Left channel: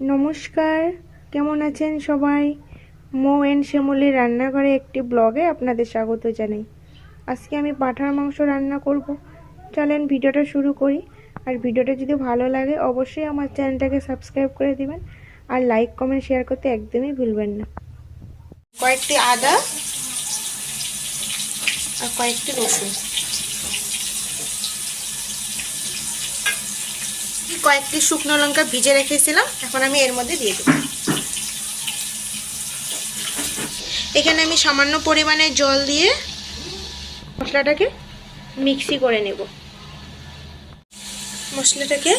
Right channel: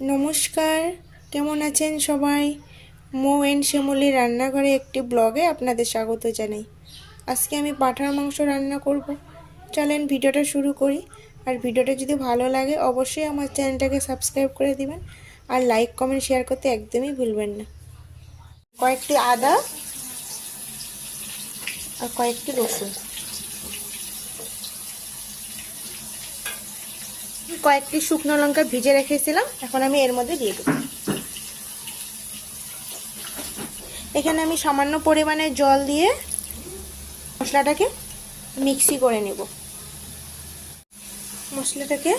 নমস্কার, কেমন আছেন সবাই? মৌ এন্ড শ্যামলী রান্নাঘরে একটি ব্লগে আপনাদের স্বাগত জানাই। আজকে আমি পাঁঠার মাংস রান্না করব। চলেন ভিডিওটা শুরু করি। আর ভিডিওটা যদি ভালো লাগে অবশ্যই আমার চ্যানেলটাকে সাবস্ক্রাইব করে দিবেন, আর লাইক কমেন্ট শেয়ার করতে একদমই ভুলবেন না। কয়েকটি আদা আর কয়েকটি রসুন, কয়েকটি শুকনো লঙ্কা ভিজে রেখেছিলাম, এখন আমি এর মধ্যে দিয়ে দেব। এখানে আমি সামান্য পরিমাণে জল দিয়ে মশলাটাকে মিক্সি করে নেব। মশলাটাকে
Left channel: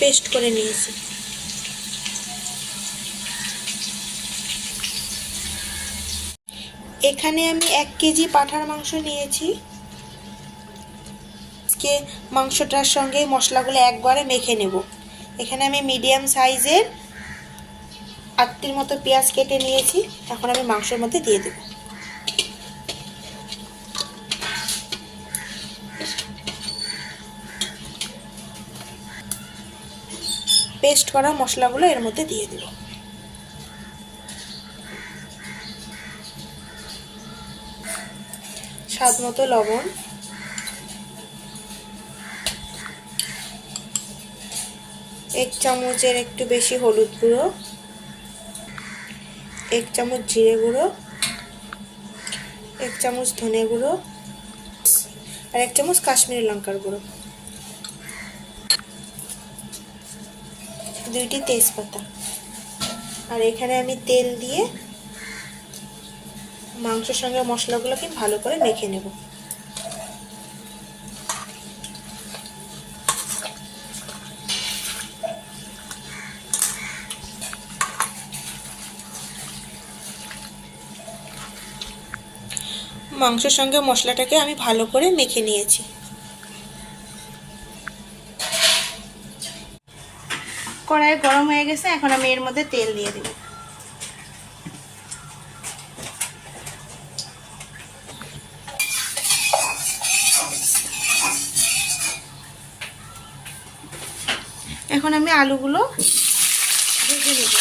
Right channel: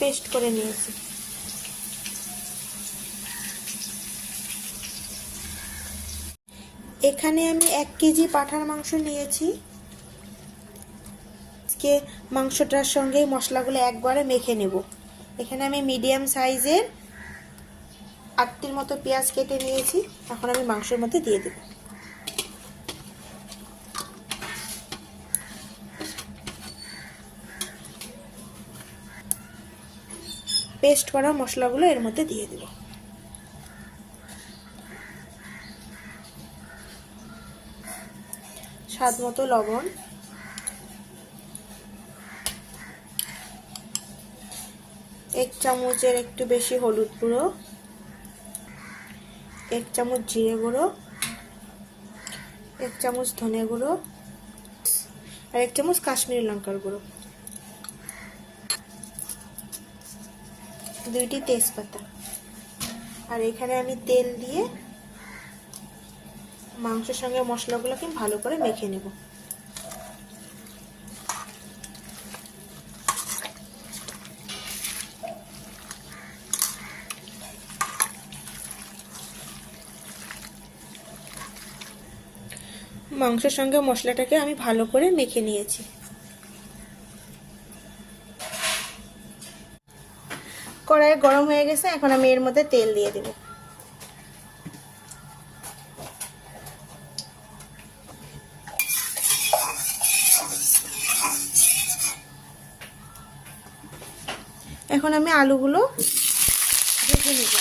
পেস্ট করে নিয়েছি। এখানে আমি 1 কেজি পাঁঠার মাংস নিয়েছি। আজকে মাংসটার সঙ্গে মশলাগুলো একবারে মেখে নেব। এখানে আমি মিডিয়াম সাইজের 8টির মতো পেঁয়াজ কেটে নিয়েছি, এখন আমি মাংসের মধ্যে দিয়ে দেব। পেস্ট করা মশলাগুলো এর মধ্যে দিয়ে দেব। স্বাদ মতো লবণ, 1 চামচের একটু বেশি হলুদ গুঁড়ো, 1 চামচ জিরে গুঁড়ো, 1 চামচ ধনে গুঁড়ো আর 1 চামচ কাশ্মীরি লঙ্কার গুঁড়ো, 2টি তেজপাতা। আর এখানে আমি তেল দিয়ে মাংসের সঙ্গে মশলাগুলোকে ভালো করে মেখে নেব। মাংসের সঙ্গে মশলাটাকে আমি ভালো করে মেখে নিয়েছি। কড়াই গরম হয়ে গেছে, এখন আমি এর মধ্যে তেল দিয়ে দেব। এখন আমি আলুগুলো ভেজে নেব।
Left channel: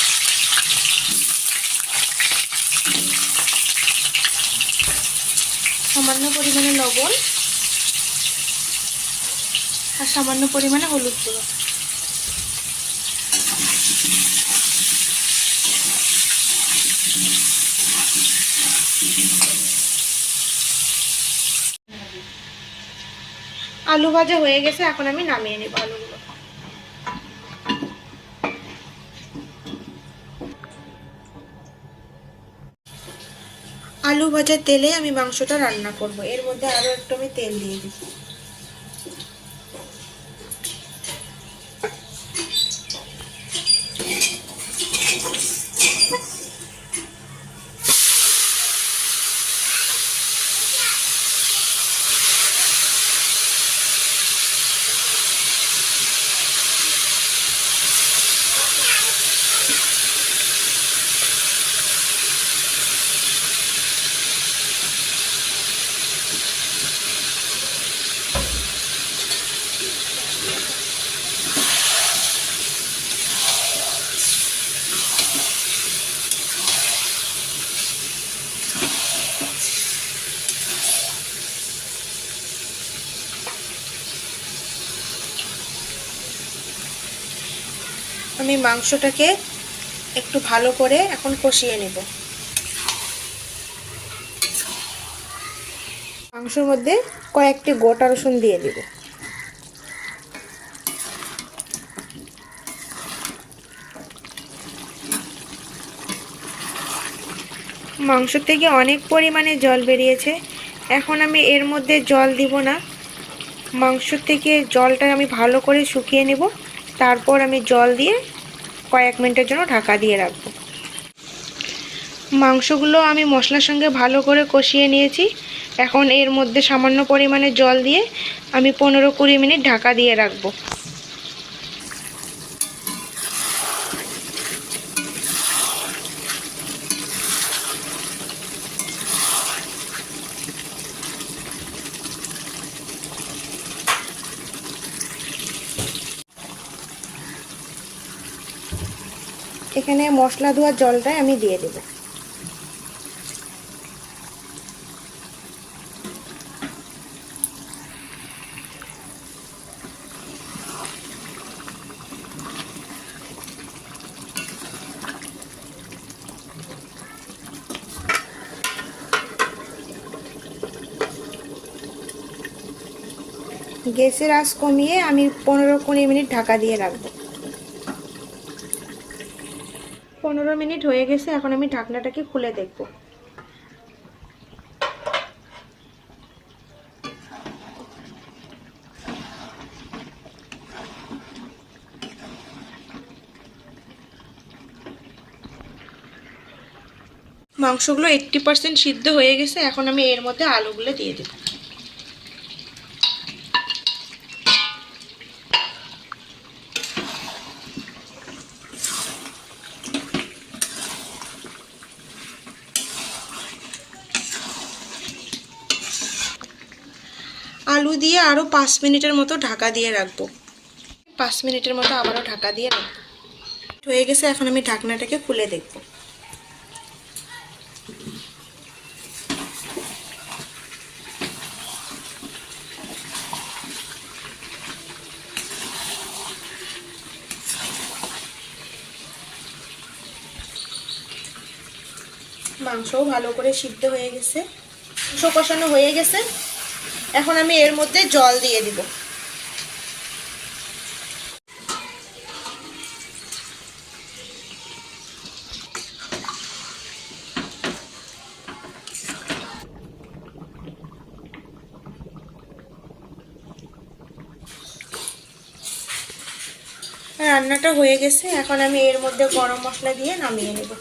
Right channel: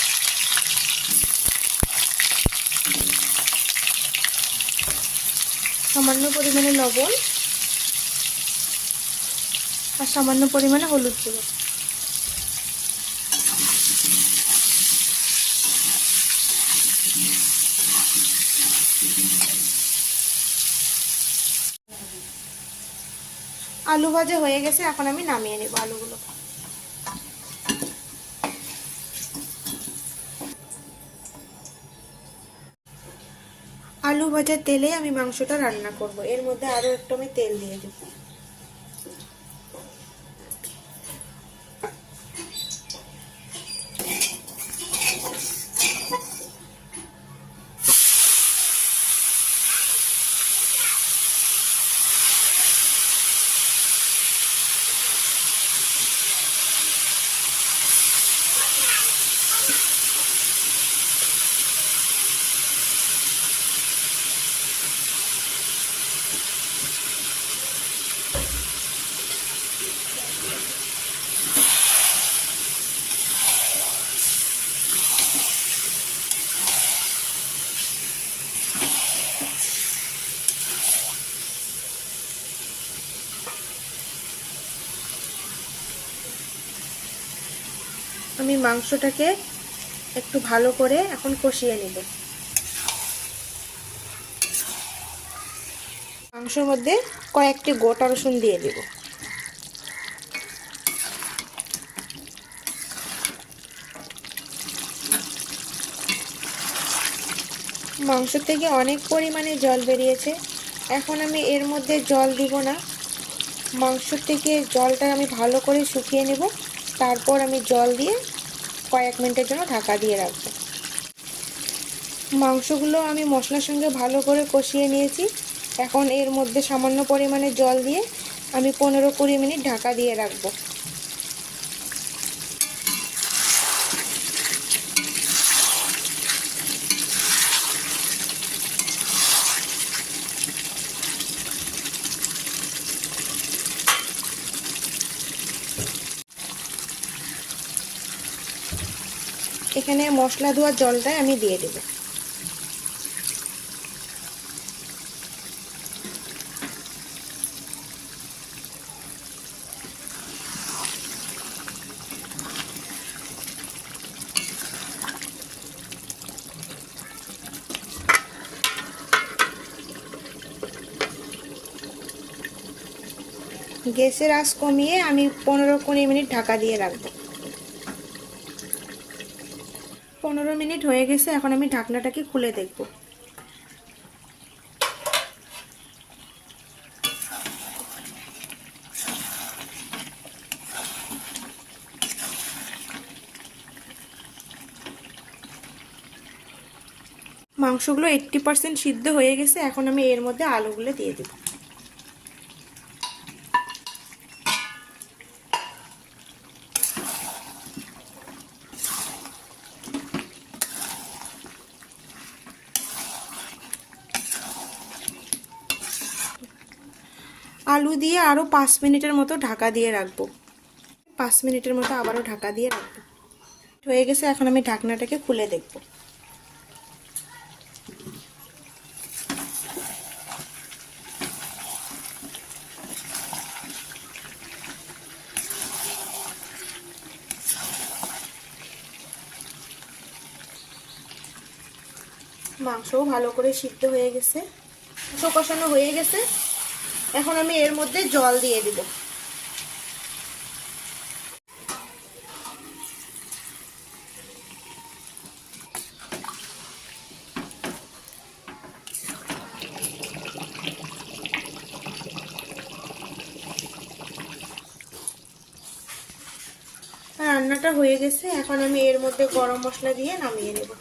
সামান্য পরিমাণে লবণ আর সামান্য পরিমাণে হলুদ গুঁড়ো। আলু ভাজা হয়ে গেছে, এখন আমি নামিয়ে নেব আলুগুলো। আলু ভাজার তেলে আমি মাংসটা রান্না করব। এর মধ্যে আরো একটু আমি তেল দিয়ে দিব। আমি মাংসটাকে একটু ভালো করে এখন কষিয়ে নেব। মাংসের মধ্যে কয়েকটি গোটা রসুন দিয়ে দেব। মাংস থেকে অনেক পরিমাণে জল বেরিয়েছে, এখন আমি এর মধ্যে জল দিব না। মাংস থেকে জলটা আমি ভালো করে শুকিয়ে নেব, তারপর আমি জল দিয়ে কয়েক মিনিটের জন্য ঢাকা দিয়ে রাখব। মাংসগুলো আমি মশলার সঙ্গে ভালো করে কষিয়ে নিয়েছি, এখন এর মধ্যে সামান্য পরিমাণে জল দিয়ে আমি 15-20 মিনিট ঢাকা দিয়ে রাখব। এখানে মশলা ধোয়ার জলটাই আমি দিয়ে দেব। গ্যাসের আঁচ কমিয়ে আমি 15-20 মিনিট ঢাকা দিয়ে রাখবো। 15 মিনিট হয়ে গেছে, এখন আমি ঢাকনাটাকে খুলে দেখব। মাংসগুলো 80% সিদ্ধ হয়ে গেছে, এখন আমি এর মধ্যে আলুগুলো দিয়ে দেব। আলু দিয়ে আরও 5 মিনিটের মতো ঢাকা দিয়ে রাখবো। 5 মিনিটের মতো আবারও ঢাকা দিয়ে রাখবো। হয়ে গেছে, এখন আমি ঢাকনাটাকে খুলে দেখব। মাংসও ভালো করে সিদ্ধ হয়ে গেছে, মাংস কষানো হয়ে গেছে। এখন আমি এর মধ্যে জল দিয়ে দিব। রান্নাটা হয়ে গেছে, এখন আমি এর মধ্যে গরম মশলা দিয়ে নামিয়ে নেব।